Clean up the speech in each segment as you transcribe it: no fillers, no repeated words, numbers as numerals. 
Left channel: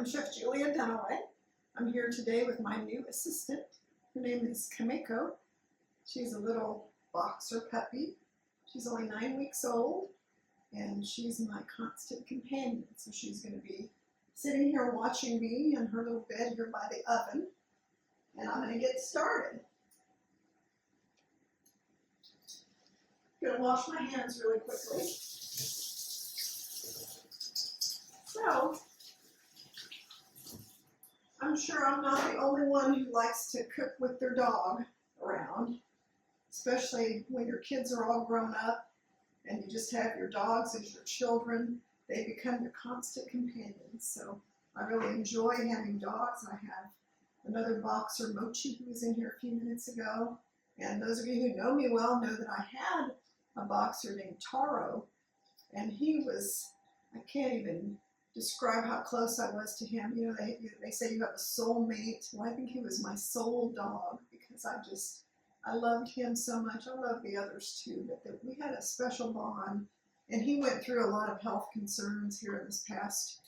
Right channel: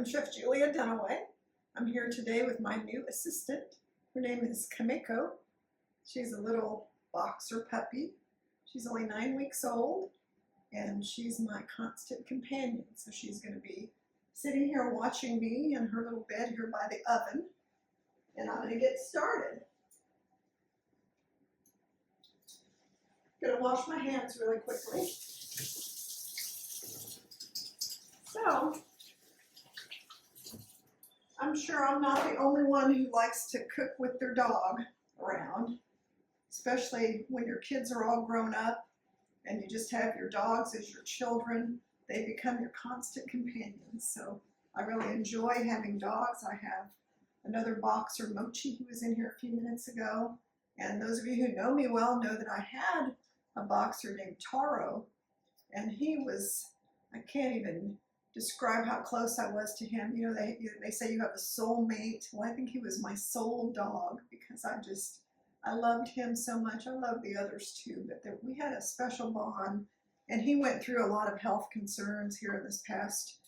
I'm Chef Julia Dunaway. I'm here today with my new assistant. Her name is Cacao. She's a little boxer puppy. She's only 9 weeks old, and she's my constant companion. So she's going to be sitting here watching me in her little bed here by the oven, and I'm going to get started. I'm going to wash my hands really quickly. So, I'm sure I'm not the only one who likes to cook with their dog around, especially when your kids are all grown up and you just have your dogs as your children. They become your constant companions. So I really enjoy having dogs. I have another boxer, Mochi, who was in here a few minutes ago. And those of you who know me well know that I had a boxer named Taro, and he was, I can't even describe how close I was to him. You know, they say you have a soulmate. Well, I think he was my soul dog because I loved him so much. I love the others too, but we had a special bond, and he went through a lot of health concerns here in this past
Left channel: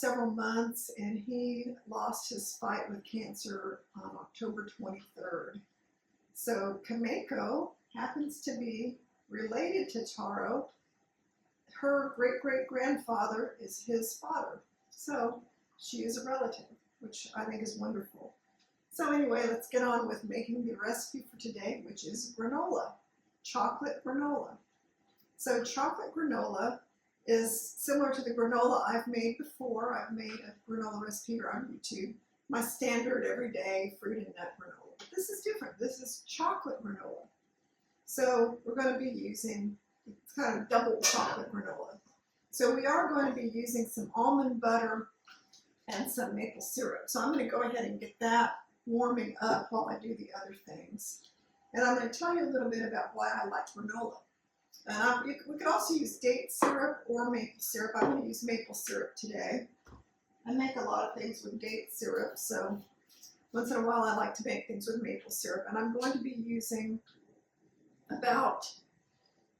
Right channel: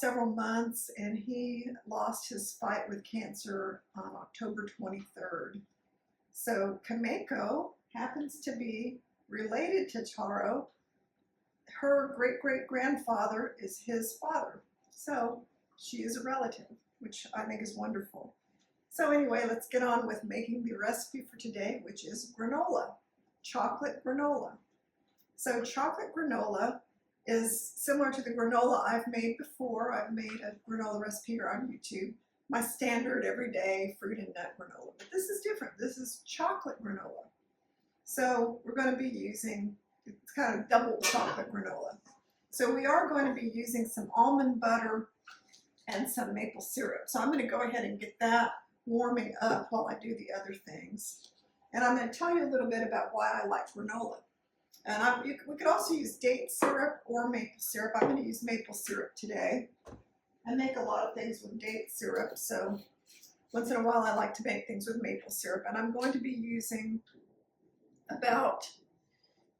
several months, and he lost his fight with cancer on October 23rd. So Cacao happens to be related to Taro. Her great-great-grandfather is his father. So she is a relative, which I think is wonderful. So anyway, let's get on with making the recipe for today, which is granola, chocolate granola. So chocolate granola is similar to the granola I've made before. I've made a granola recipe here on YouTube, my standard everyday fruit and nut granola. But this is different. This is chocolate granola. So we're going to be using, it's kind of double chocolate granola. So we are going to be using some almond butter and some maple syrup. So I'm going to go ahead and get that warming up while I do the other things. And I'm going to tell you a little bit about why I like granola. And we could also use date syrup or maple syrup. I'm going to use maple syrup today. I make a lot of things with date syrup, so once in a while I like to make things with maple syrup. And I'm going to be using about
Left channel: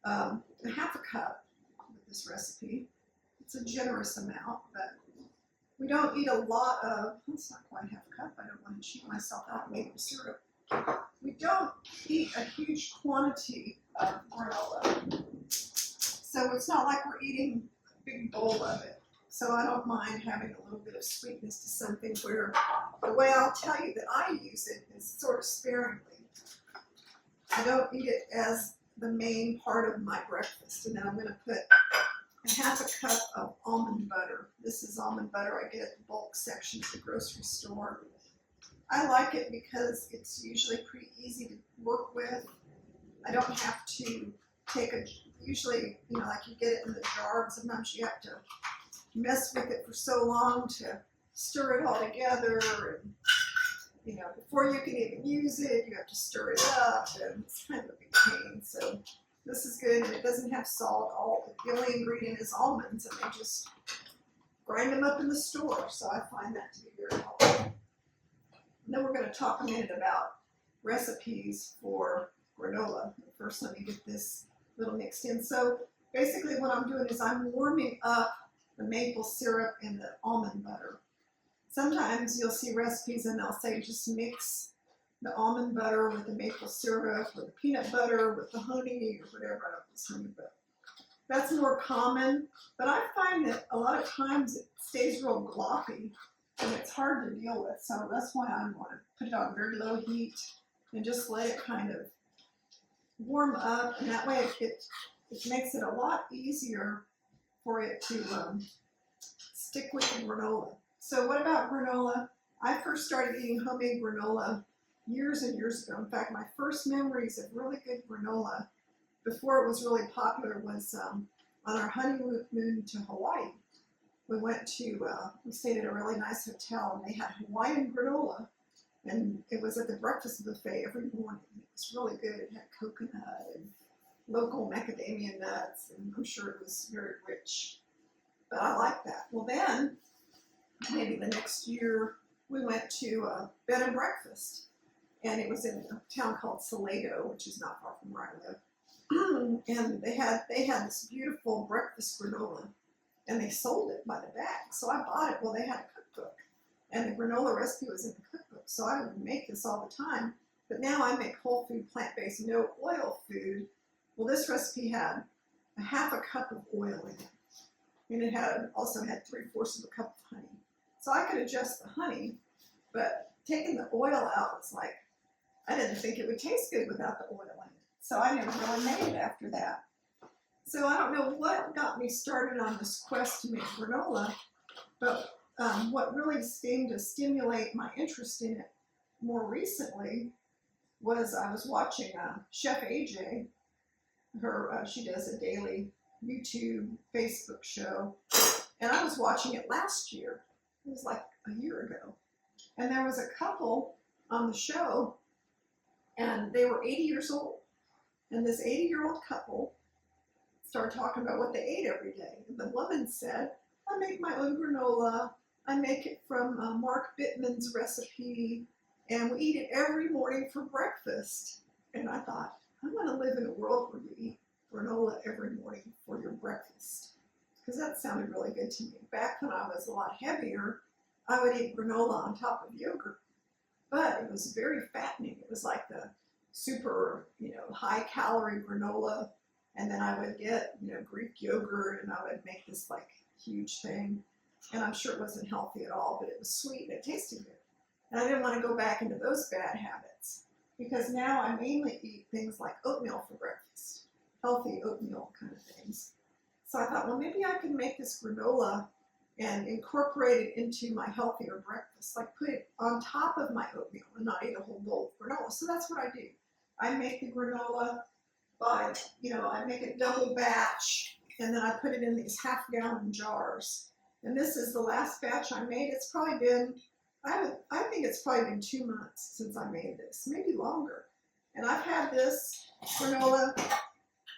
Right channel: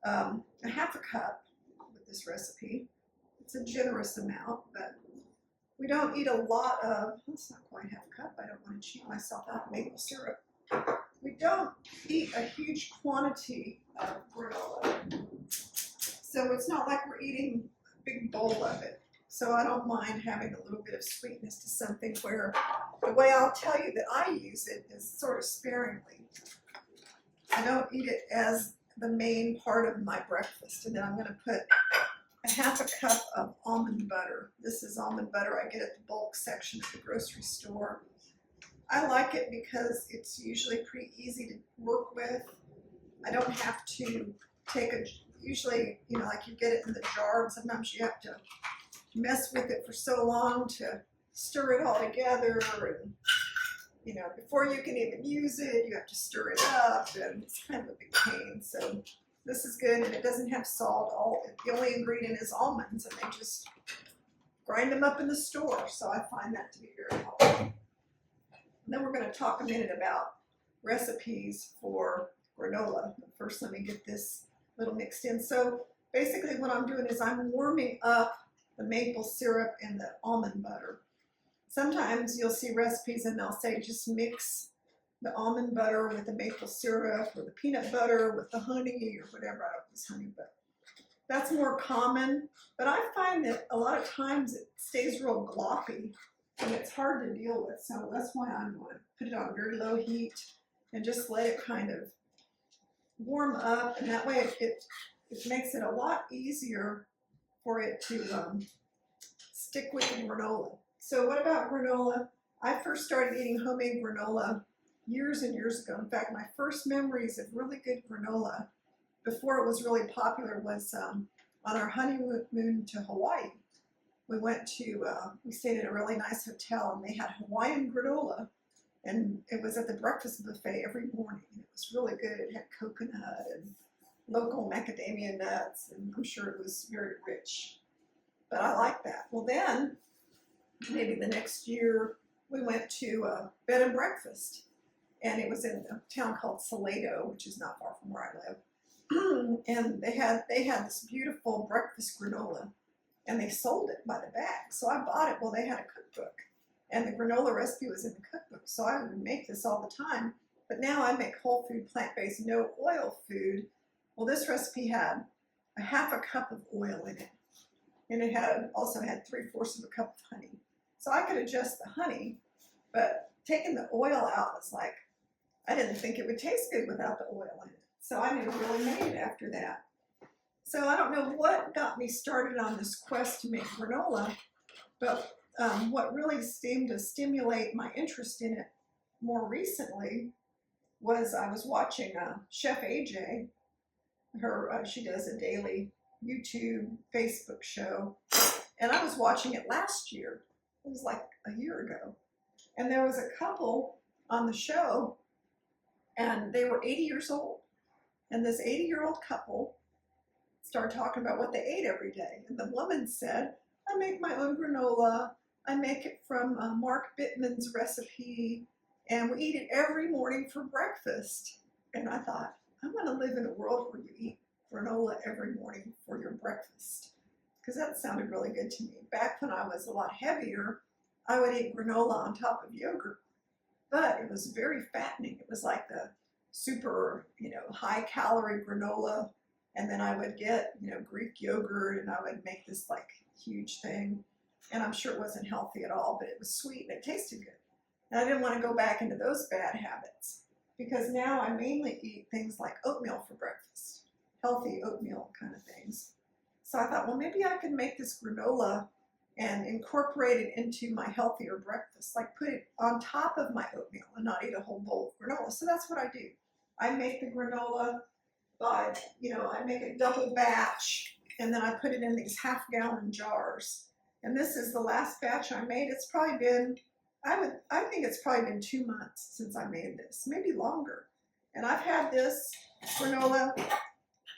a half a cup with this recipe. It's a generous amount, but we don't eat a lot of, that's not quite half a cup, I don't want to cheat myself out of maple syrup. We don't eat a huge quantity of granola, so it's not like we're eating a big bowl of it. So I don't mind having a little bit of sweetness to something where the way I'll tell you that I use it is sort of sparingly. I don't eat it as the main part of my breakfast. And then I'm going to put a half a cup of almond butter. This is almond butter I get at the bulk section at the grocery store. I like it because it's usually pretty easy to work with. I don't have to usually, you know, like you get it in the jar, and sometimes you have to mess with it for so long to stir it all together, and you know, before you can even use it, you have to stir it up, and it's kind of a big pain. So this is good, and it doesn't have salt. The only ingredient is almonds, and they just grind them up in the store. So I find that to be very helpful. And then we're going to talk a minute about recipes for granola. But first, let me get this little mixed in. So basically what I'm doing is I'm warming up the maple syrup and the almond butter. Sometimes you'll see recipes and they'll say just mix the almond butter with the maple syrup or the peanut butter with the honey or whatever. I don't use honey, but that's more common. But I find that a lot of times it stays real gloppy and it's hard to deal with. So that's why I want to put it on very low heat and just let it kind of warm up. And that way it makes it a lot easier for it to stick with the granola. So what about granola? I first started eating homemade granola years and years ago. In fact, my first memories of really good granola before it was really popular was on our honeymoon to Hawaii. We stayed at a really nice hotel, and they had Hawaiian granola, and it was at the breakfast buffet every morning. And it was really good. It had coconut and local macadamia nuts, and I'm sure it was very rich. But I like that. Well, then maybe the next year we went to a bed and breakfast, and it was in a town called Ceylon, which is not far from where I live. And they had this beautiful breakfast granola, and they sold it by the bag. So I bought it. Well, they had a cookbook, and the granola recipe was in the cookbook. So I would make this all the time. But now I make whole food, plant-based, no oil food. Well, this recipe had a half a cup of oil in it, and it also had 3/4 of a cup of honey. So I could adjust the honey, but taking the oil out was like, I didn't think it would taste good without the oil in it. So I never really made it after that. So I don't know what got me started on this quest to make granola, but what really seemed to stimulate my interest in it more recently was I was watching Chef AJ. She does a daily YouTube, Facebook show, and I was watching it last year. It was like a year ago, and there was a couple on the show, and they were 80 years old, and this 80-year-old couple started talking about what they ate every day, and the woman said, I make my own granola. I make it from Mark Bittman's recipe, and we eat it every morning for breakfast. And I thought, I want to live in a world where you eat granola every morning for your breakfast, because that sounded really good to me. Back when I was a lot heavier, I would eat granola on top of yogurt, but it was very fattening. It was like the super, high calorie granola, and then I would get, Greek yogurt, and I would make this like huge thing, and I'm sure it wasn't healthy at all, but it was sweet and it tasted good. And I didn't want to go back into those bad habits, because now I mainly eat things like oatmeal for breakfast, healthy oatmeal kind of things. So I thought, well, maybe I can make this granola and incorporate it into my healthier breakfast, like put it on top of my oatmeal and not eat a whole bowl of granola. So that's what I do. I make the granola by, I make it double batch, and then I put it in these half-gallon jars. And this is the last batch I made. It's probably been, I think it's probably been 2 months since I made this, maybe longer. And I've had this granola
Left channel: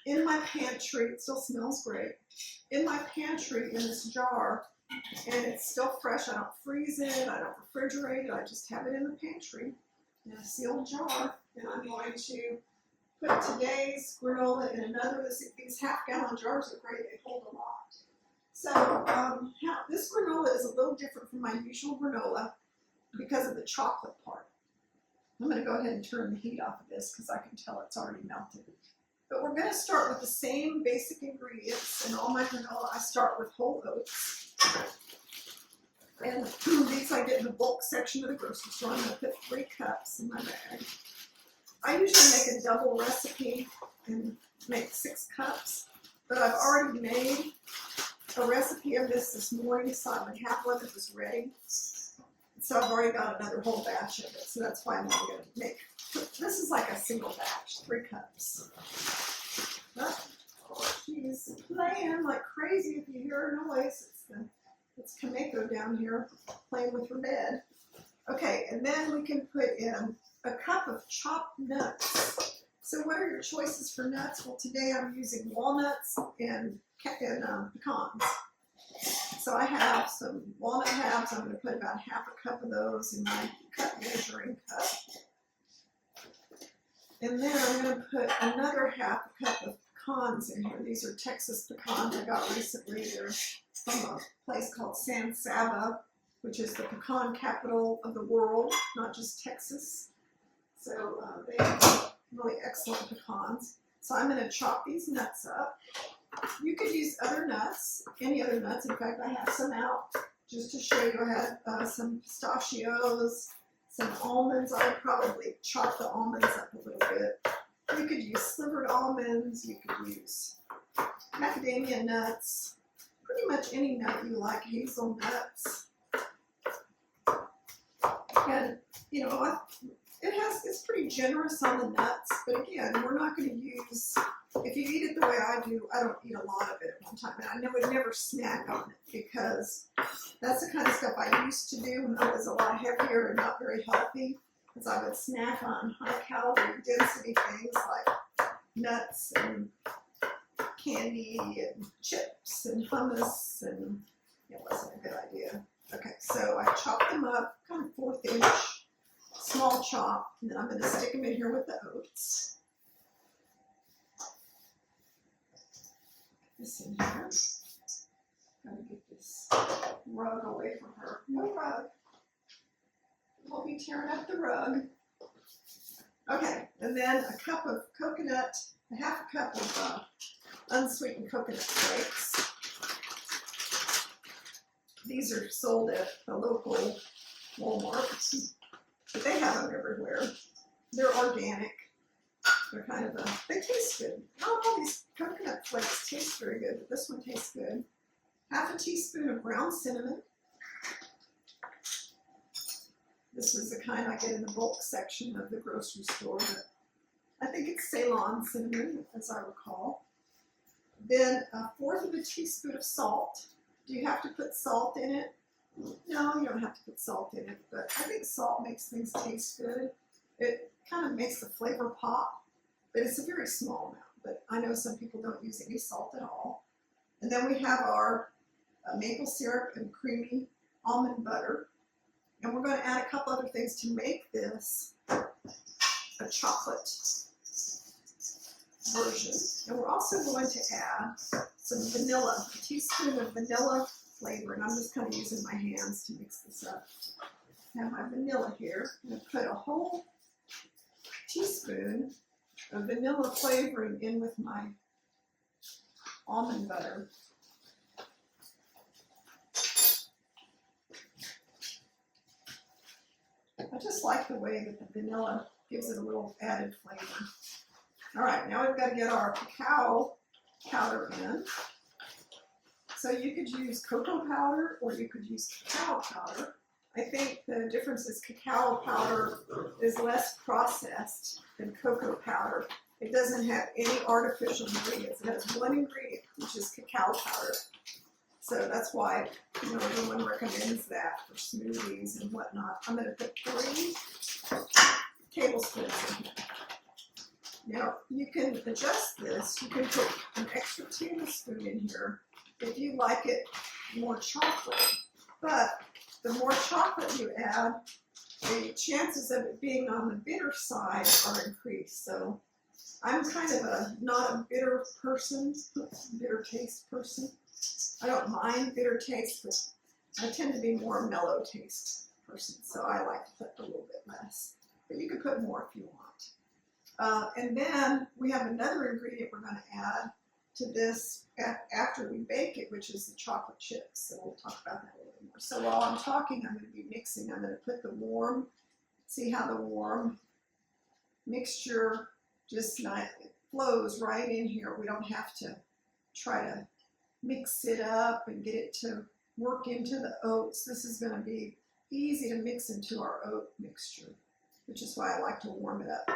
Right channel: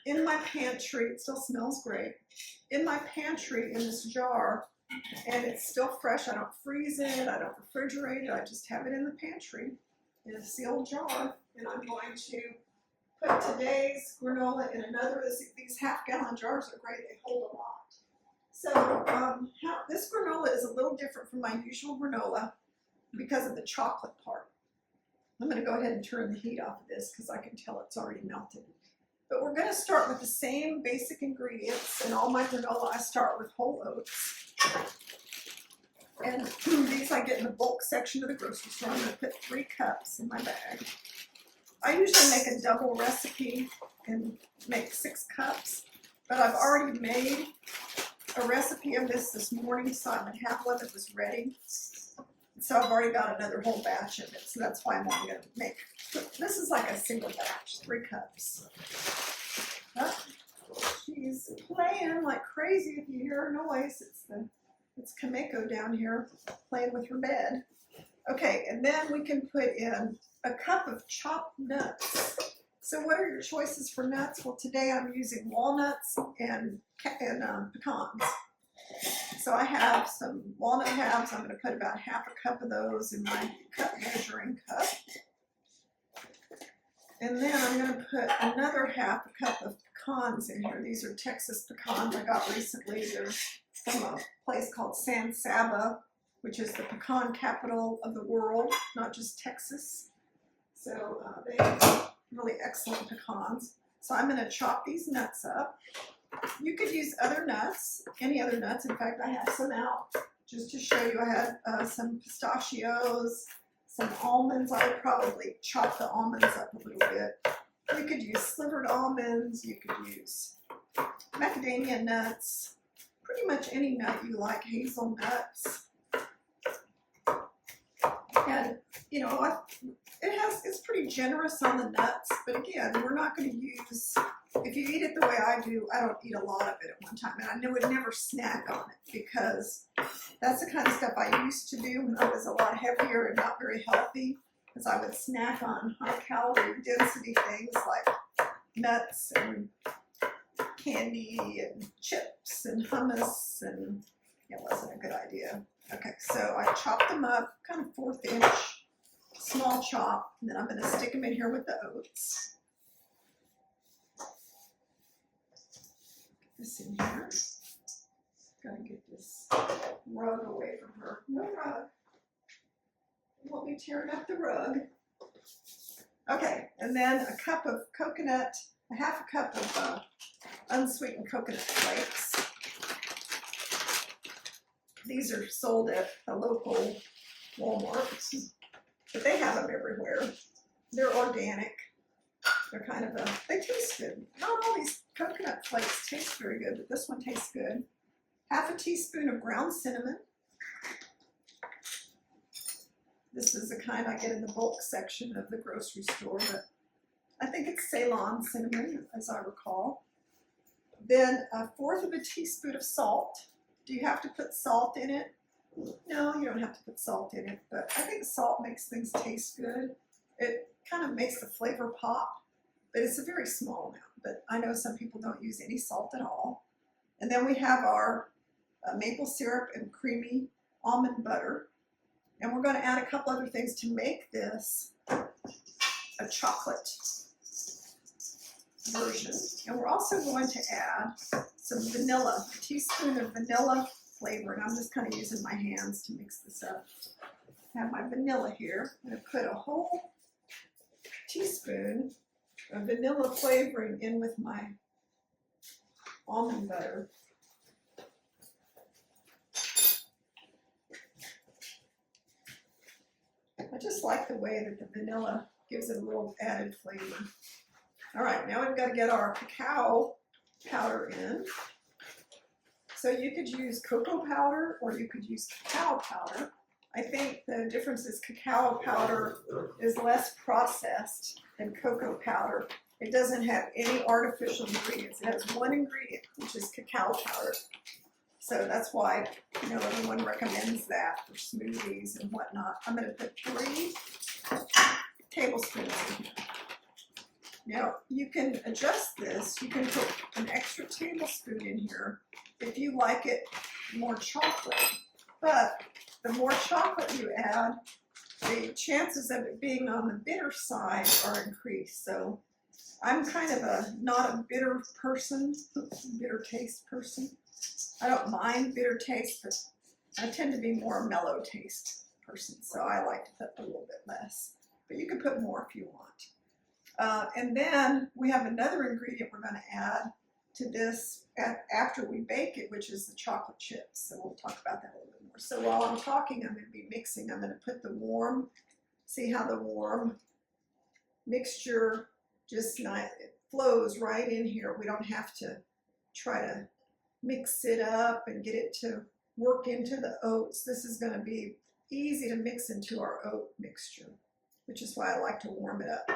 in my pantry. It still smells great. In my pantry in this jar, and it's still fresh. I don't freeze it. I don't refrigerate it. I just have it in the pantry in a sealed jar. And I'm going to put today's granola in another. These half-gallon jars are great. They hold a lot. So this granola is a little different from my usual granola because of the chocolate part. I'm going to go ahead and turn the heat off of this because I can tell it's already melted. But we're going to start with the same basic ingredients. In all my granola, I start with whole oats. And these I get in the bulk section of the grocery store. I'm going to put 3 cups in my bag. I usually make a double recipe and make 6 cups, but I've already made a recipe of this morning, so I would have one that was ready. So I've already got another whole batch of it, so that's why I'm only going to make, this is like a single batch, 3 cups. Oh, she's playing like crazy. If you hear her noise, it's Kameko down here playing with her bed. Okay, and then we can put in a cup of chopped nuts. So what are your choices for nuts? Well, today I'm using walnuts and pecans. So I have some walnut halves. I'm going to put about half a cup of those in my cup measuring cup. And then I'm going to put another half a cup of pecans in here. These are Texas pecans I got recently. They're from a place called San Saba, which is the pecan capital of the world, not just Texas. So they have really excellent pecans. So I'm going to chop these nuts up. You could use other nuts, any other nuts. In fact, I have some out just to show you. I had some pistachios, some almonds. I would probably chop the almonds up a little bit. You could use slivered almonds. You could use macadamia nuts. Pretty much any nut you like, hazelnuts. And, it's pretty generous on the nuts, but again, we're not going to use, if you eat it the way I do, I don't eat a lot of it at one time, and I would never snack on it, because that's the kind of stuff I used to do when I was a lot heavier and not very healthy, because I would snack on high-calorie density things like nuts and candy and chips and hummus, and it wasn't a good idea. Okay, so I chopped them up, kind of 1/4 inch, small chop, and then I'm going to stick them in here with the oats. Put this in here. Gotta get this rug away from her. No rug. Won't be tearing up the rug. Okay, and then a cup of coconut, a half a cup of unsweetened coconut flakes. These are sold at a local Walmart, but they have them everywhere. They're organic. They're kind of they taste good. Not all these coconut flakes taste very good, but this one tastes good. Half a teaspoon of ground cinnamon. This is the kind I get in the bulk section of the grocery store, but I think it's Ceylon cinnamon, as I recall. Then 1/4 of a teaspoon of salt. Do you have to put salt in it? No, you don't have to put salt in it, but I think salt makes things taste good. It kind of makes the flavor pop, but it's a very small amount. But I know some people don't use any salt at all. And then we have our maple syrup and creamy almond butter. And we're going to add a couple other things to make this a chocolate version. And we're also going to add some vanilla, a teaspoon of vanilla flavor. And I'm just kind of using my hands to mix this up. I have my vanilla here. I'm going to put a whole teaspoon of vanilla flavoring in with my almond butter. I just like the way that the vanilla gives it a little added flavor. All right, now we've got to get our cacao powder in. So you could use cocoa powder or you could use cacao powder. I think the difference is cacao powder is less processed than cocoa powder. It doesn't have any artificial ingredients. It has one ingredient, which is cacao powder. So that's why, everyone recommends that for smoothies and whatnot. I'm going to put 3 tablespoons in here. Now, you can adjust this. You can put an extra tablespoon in here if you like it more chocolate. But the more chocolate you add, the chances of it being on the bitter side are increased. So I'm kind of not a bitter person, bitter taste person. I don't mind bitter taste, but I tend to be more a mellow taste person, so I like to put a little bit less. But you can put more if you want. And then we have another ingredient we're going to add to this after we bake it, which is the chocolate chips. So we'll talk about that a little bit more. So while I'm talking, I'm going to be mixing. I'm going to put the warm, see how the warm mixture just it flows right in here. We don't have to try to mix it up and get it to work into the oats. This is going to be easy to mix into our oat mixture, which is why I like to warm it up.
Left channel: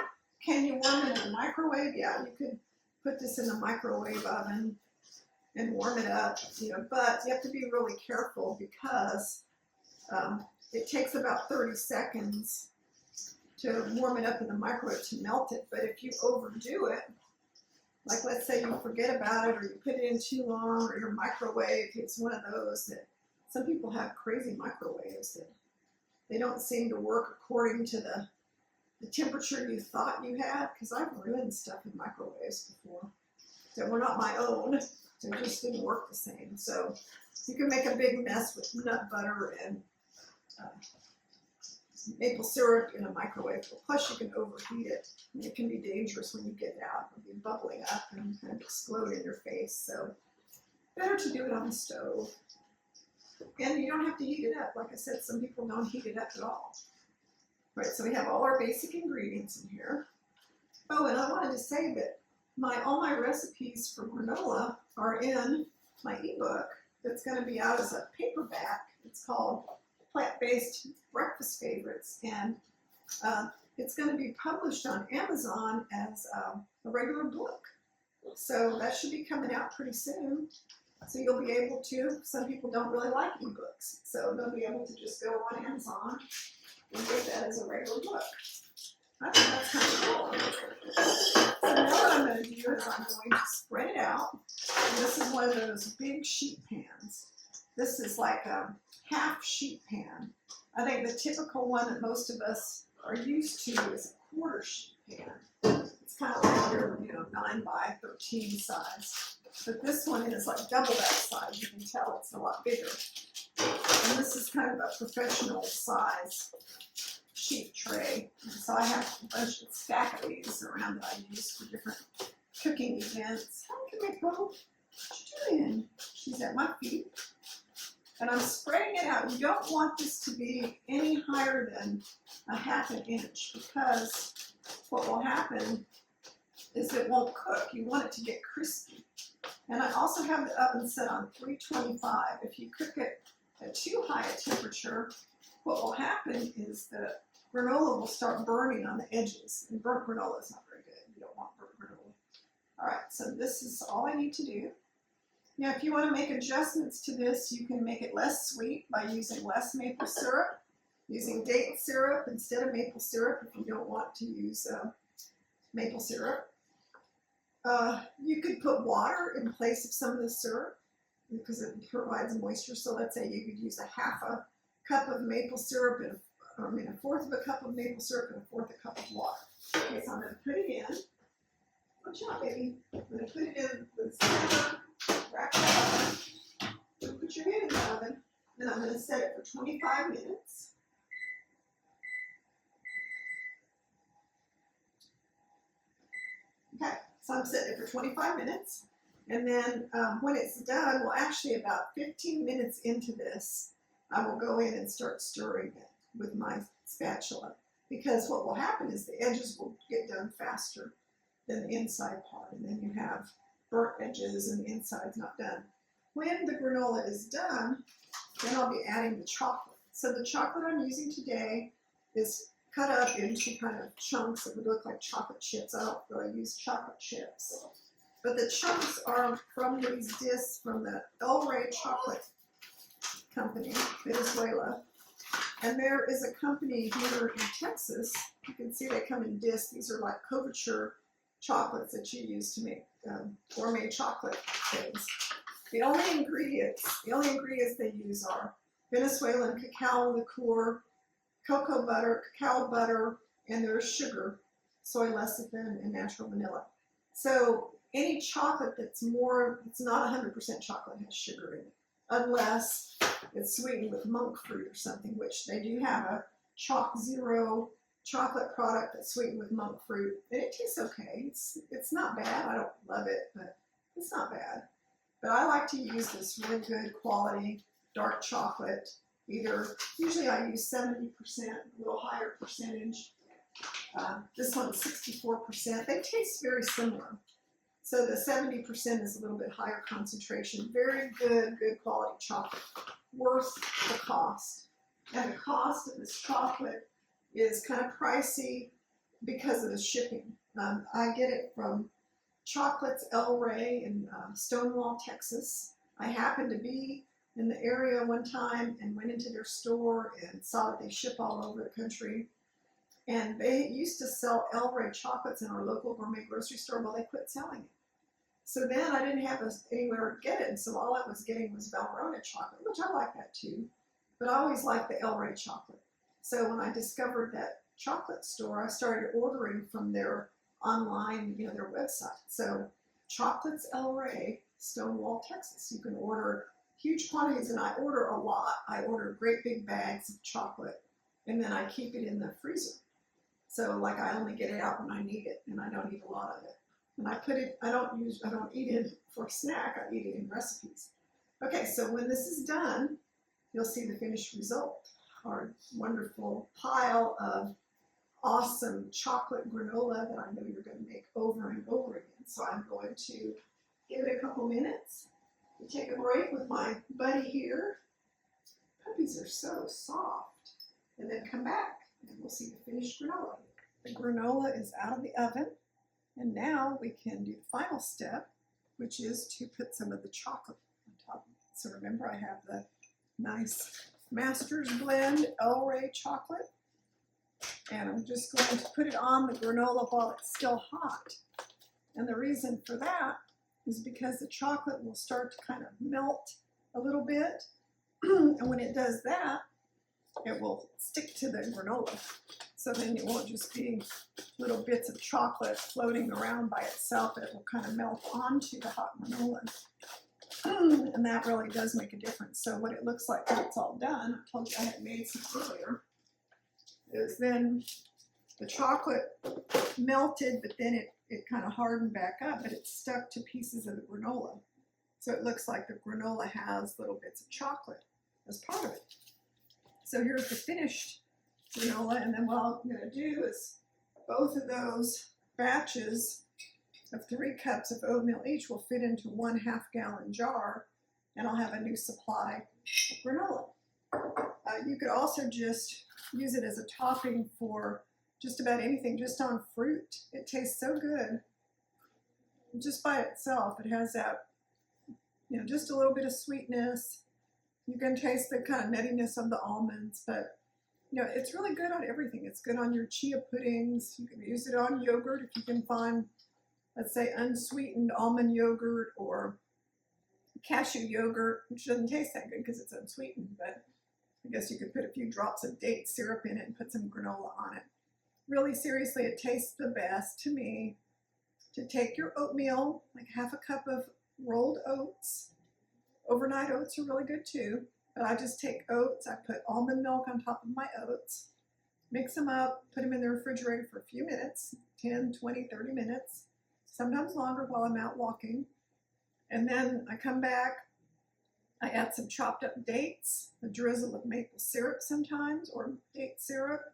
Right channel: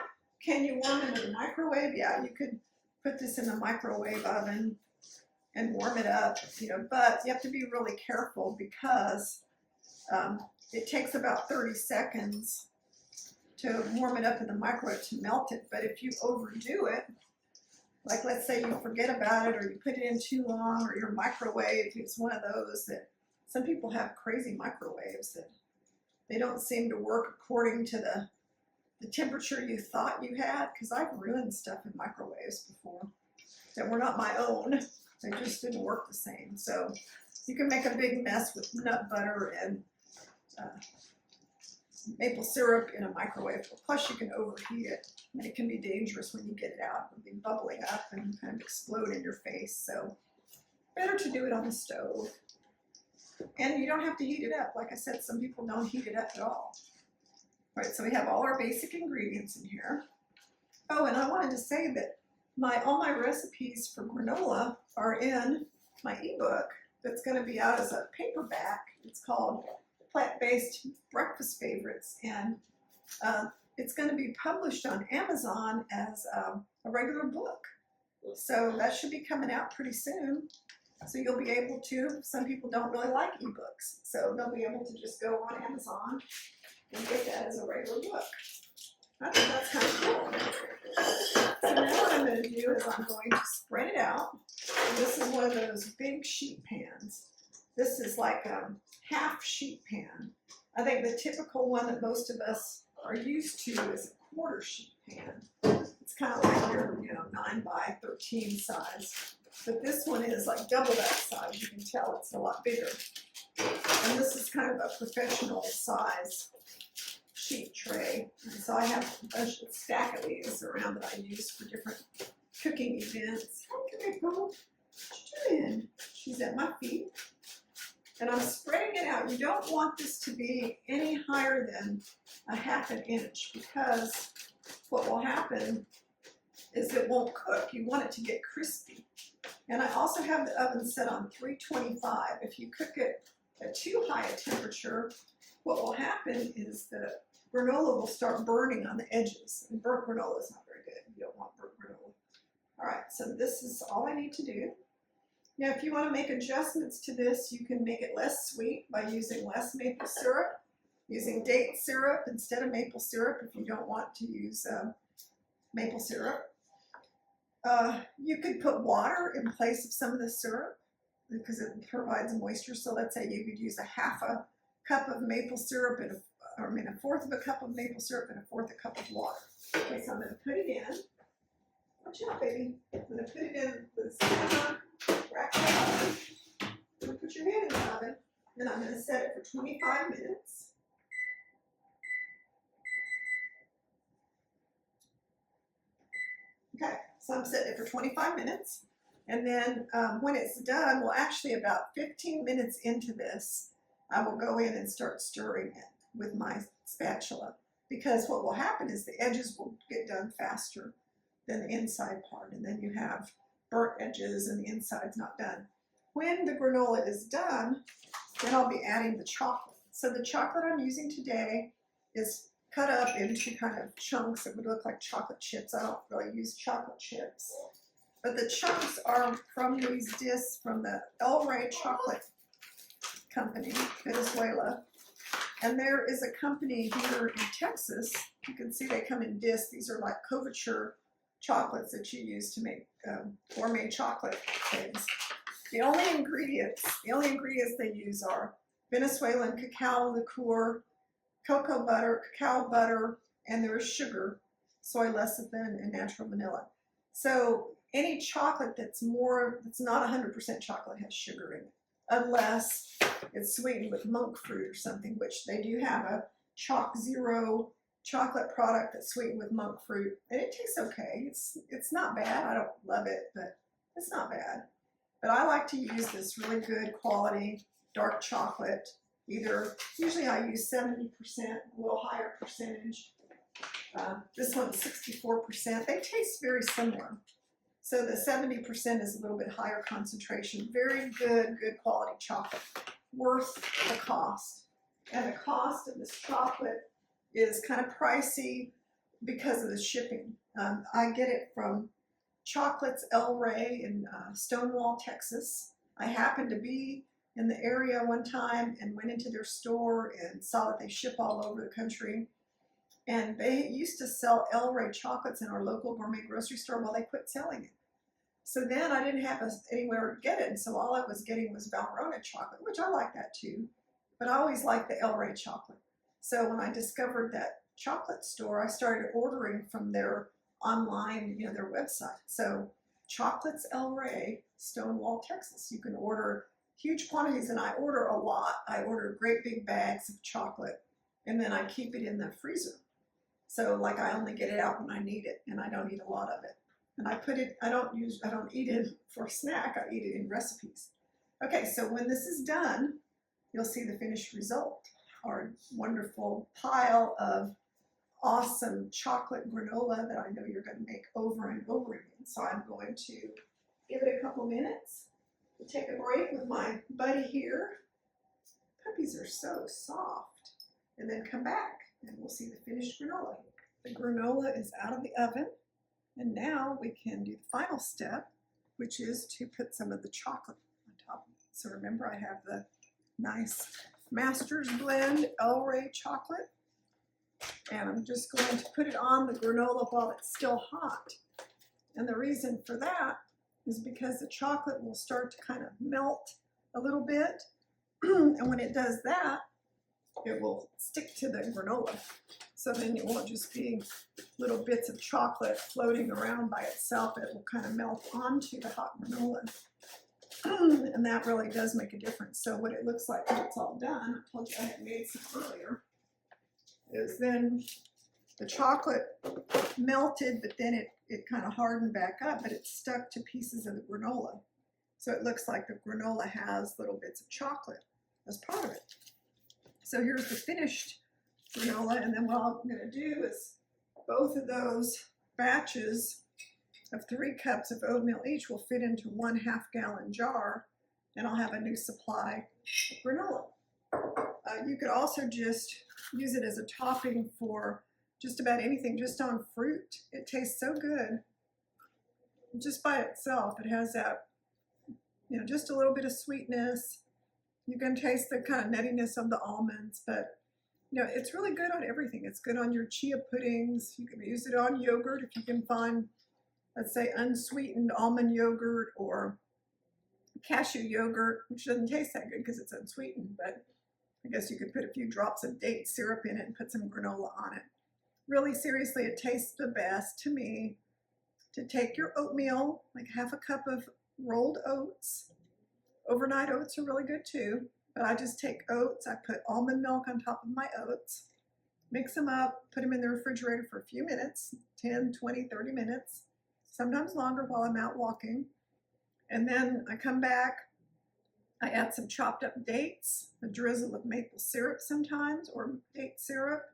Can you warm it in the microwave? Yeah, you could put this in the microwave oven and warm it up, but you have to be really careful because it takes about 30 seconds to warm it up in the microwave to melt it. But if you overdo it, like let's say you forget about it or you put it in too long or your microwave, it's one of those that some people have crazy microwaves that they don't seem to work according to the temperature you thought you had, because I've ruined stuff in microwaves before that were not my own. They just didn't work the same. So you can make a big mess with nut butter and maple syrup in a microwave. Plus you can overheat it, and it can be dangerous when you get it out. It'll be bubbling up and kind of explode in your face. So better to do it on the stove. And you don't have to heat it up. Like I said, some people don't heat it up at all. All right, so we have all our basic ingredients in here. Oh, and I wanted to say that all my recipes for granola are in my ebook that's going to be out as a paperback. It's called Plant-Based Breakfast Favorites, and it's going to be published on Amazon as a regular book. So that should be coming out pretty soon. So you'll be able to, some people don't really like ebooks, so they'll be able to just go on Amazon and get that as a regular book. I think that's kind of cool. So now what I'm going to do is I'm going to spread it out. And this is one of those big sheet pans. This is like a half sheet pan. I think the typical one that most of us are used to is a 1/4 sheet pan. It's kind of like your 9 by 13 size. but this one is like double that size. You can tell it's a lot bigger. And this is kind of a professional size sheet tray. And so I have a stack of these around that I use for different cooking events. Hi, Camille. What you doing? She's at my feet. And I'm spreading it out. You don't want this to be any higher than a ½ inch, because what will happen is it won't cook. You want it to get crispy. And I also have the oven set on 325. If you cook it at too high a temperature, what will happen is the granola will start burning on the edges. And burnt granola is not very good. You don't want burnt granola. All right, so this is all I need to do. Now, if you want to make adjustments to this, you can make it less sweet by using less maple syrup, using date syrup instead of maple syrup if you don't want to use maple syrup. You could put water in place of some of the syrup because it provides moisture. So let's say you could use a ½ cup of maple syrup and a fourth of a cup of maple syrup and a fourth a cup of water. Okay, so I'm going to put it in. Watch out, baby. I'm going to put it in the center. Wrap it up. Don't put your hand in the oven. Then I'm going to set it for 25 minutes. Okay, so I'm setting it for 25 minutes. And then when it's done, well, actually about 15 minutes into this, I will go in and start stirring it with my spatula. Because what will happen is the edges will get done faster than the inside part. And then you have burnt edges and the inside's not done. When the granola is done, then I'll be adding the chocolate. So the chocolate I'm using today is cut up into kind of chunks that would look like chocolate chips. I don't really use chocolate chips. But the chunks are from these discs from the El Rey Chocolate Company, Venezuela. And there is a company here in Texas. You can see they come in discs. These are like couverture chocolates that you use to make gourmet chocolate things. The only ingredients they use are Venezuelan cacao liqueur, cocoa butter, cacao butter, and there's sugar, soy lecithin, and natural vanilla. So any chocolate that's not 100% chocolate has sugar in it, unless it's sweetened with monk fruit or something, which they do have a Chalk Zero chocolate product that's sweetened with monk fruit, and it tastes okay. It's not bad. I don't love it, but it's not bad. But I like to use this really good quality dark chocolate. Usually I use 70%, a little higher percentage. This one's 64%. They taste very similar. So the 70% is a little bit higher concentration. Very good quality chocolate. Worth the cost. And the cost of this chocolate is kind of pricey because of the shipping. I get it from Chocolates El Rey in Stonewall, Texas. I happened to be in the area one time and went into their store and saw that they ship all over the country. And they used to sell El Rey chocolates in our local gourmet grocery store while they quit selling it. So then I didn't have anywhere to get it, and so all I was getting was Valrhona chocolate, which I like that too. But I always liked the El Rey chocolate. So when I discovered that chocolate store, I started ordering from their online, their website. So Chocolates El Rey, Stonewall, Texas. You can order huge quantities, and I order a lot. I order great big bags of chocolate, and then I keep it in the freezer. So like I only get it out when I need it, and I don't eat a lot of it. And I don't eat it for a snack. I eat it in recipes. Okay, so when this is done, you'll see the finished result. Our wonderful pile of awesome chocolate granola that I know you're going to make over and over again. So I'm going to give it a couple minutes to take a break with my buddy here. Puppies are so soft. And then come back and we'll see the finished granola. The granola is out of the oven. And now we can do the final step, which is to put some of the chocolate on top of it. So remember, I have the nice Master's Blend El Rey chocolate. And I'm just going to put it on the granola while it's still hot. And the reason for that is because the chocolate will start to kind of melt a little bit. And when it does that, it will stick to the granola. So then it won't just be little bits of chocolate floating around by itself. It will kind of melt onto the hot granola. And that really does make a difference. So what it looks like when it's all done, I told you I had made some earlier, is then the chocolate melted, but then it kind of hardened back up, but it stuck to pieces of the granola. So it looks like the granola has little bits of chocolate as part of it. So here's the finished granola, and then what I'm going to do is both of those batches of 3 cups of oatmeal each will fit into 1/2 gallon jar, and I'll have a new supply of granola. You could also just use it as a topping for just about anything, just on fruit. It tastes so good just by itself. It has that, you know, just a little bit of sweetness. You can taste the kind of nuttiness of the almonds, but you know, it's really good on everything. It's good on your chia puddings. You can use it on yogurt if you can find, let's say, unsweetened almond yogurt or cashew yogurt, which doesn't taste that good because it's unsweetened, but I guess you could put a few drops of date syrup in it and put some granola on it. Really, seriously, it tastes the best to me to take your oatmeal, like 1/2 cup of rolled oats. Overnight oats are really good too, but I just take oats. I put almond milk on top of my oats, mix them up, put them in the refrigerator for a few minutes, 10, 20, 30 minutes, sometimes longer while I'm out walking. And then I come back, I add some chopped up dates, a drizzle of maple syrup sometimes, or date syrup,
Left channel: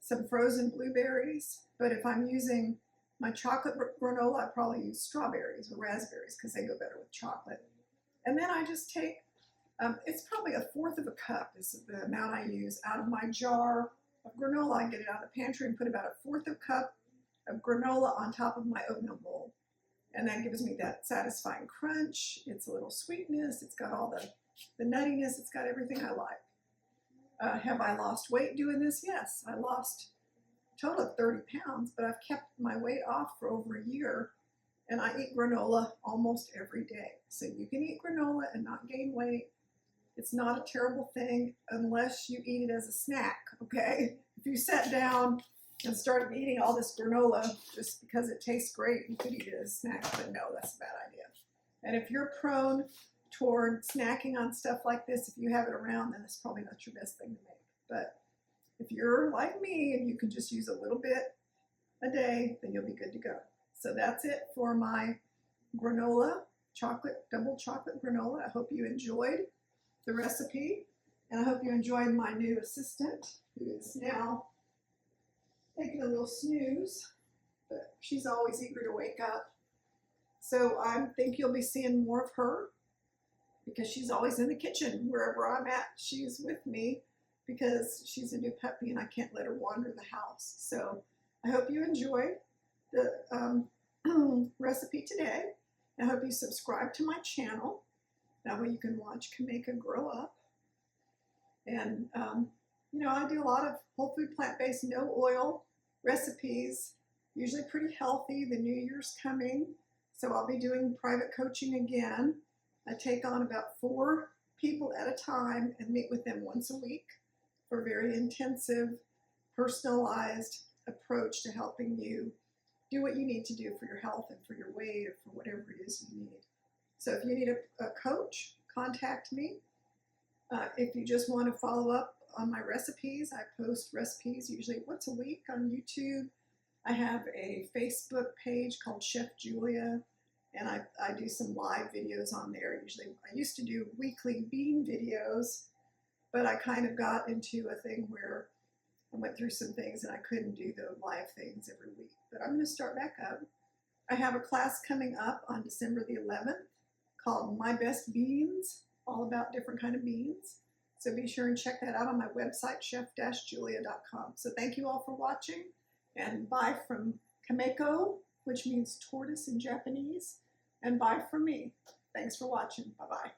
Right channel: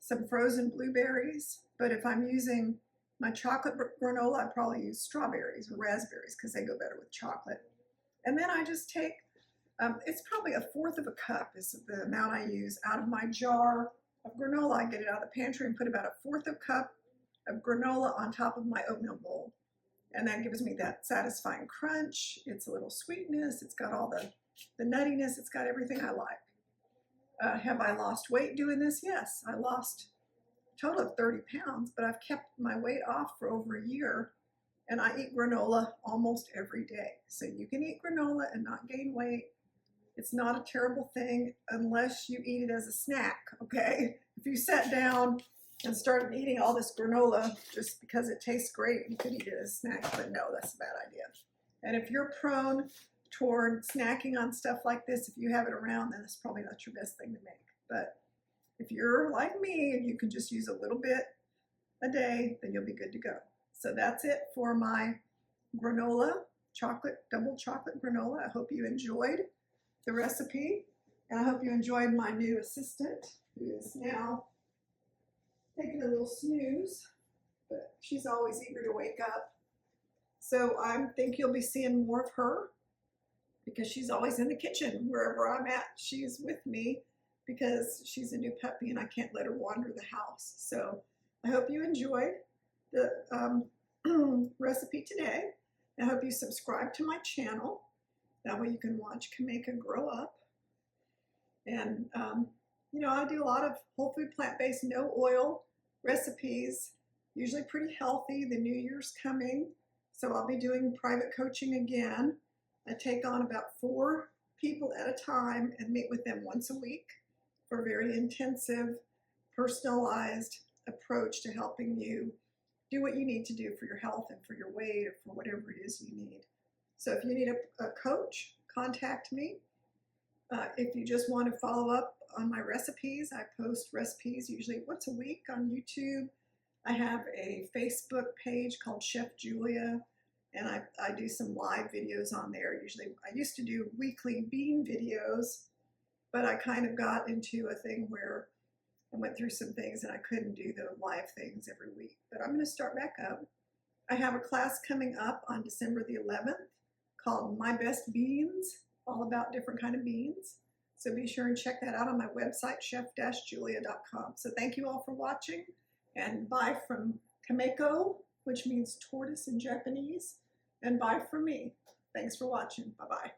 some frozen blueberries. But if I'm using my chocolate granola, I probably use strawberries or raspberries because they go better with chocolate. And then I just take, it's probably 1/4 cup is the amount I use out of my jar of granola. I get it out of the pantry and put about 1/4 cup of granola on top of my oatmeal bowl. And that gives me that satisfying crunch. It's a little sweetness. It's got all the nuttiness. It's got everything I like. Have I lost weight doing this? Yes, I lost a total of 30 pounds, but I've kept my weight off for over a year, and I eat granola almost every day. So you can eat granola and not gain weight. It's not a terrible thing unless you eat it as a snack, okay? If you sat down and started eating all this granola just because it tastes great, you could eat it as a snack, but no, that's a bad idea. And if you're prone toward snacking on stuff like this, if you have it around, then it's probably not your best thing to make. But if you're like me and you can just use a little bit a day, then you'll be good to go. So that's it for my granola, double chocolate granola. I hope you enjoyed the recipe, and I hope you enjoyed my new assistant, who is now taking a little snooze, but she's always eager to wake up. So I think you'll be seeing more of her because she's always in the kitchen. Wherever I'm at, she's with me because she's a new puppy and I can't let her wander the house. So I hope you enjoyed the recipe today. I hope you subscribe to my channel. That way you can watch Kameka grow up. And, you know, I do a lot of whole food, plant-based, no oil recipes, usually pretty healthy. The New Year's coming, so I'll be doing private coaching again. I take on about 4 people at a time and meet with them once a week for a very intensive, personalized approach to helping you do what you need to do for your health and for your weight or for whatever it is you need. So if you need a coach, contact me. If you just want to follow up on my recipes, I post recipes usually once a week on YouTube. I have a Facebook page called Chef Julia, and I do some live videos on there. Usually, I used to do weekly bean videos, but I kind of got into a thing where I went through some things and I couldn't do the live things every week. But I'm going to start back up. I have a class coming up on December the 11th called My Best Beans, all about different kind of beans. So be sure and check that out on my website, chef-julia.com. So thank you all for watching, and bye from Kameko, which means tortoise in Japanese, and bye from me. Thanks for watching. Bye-bye.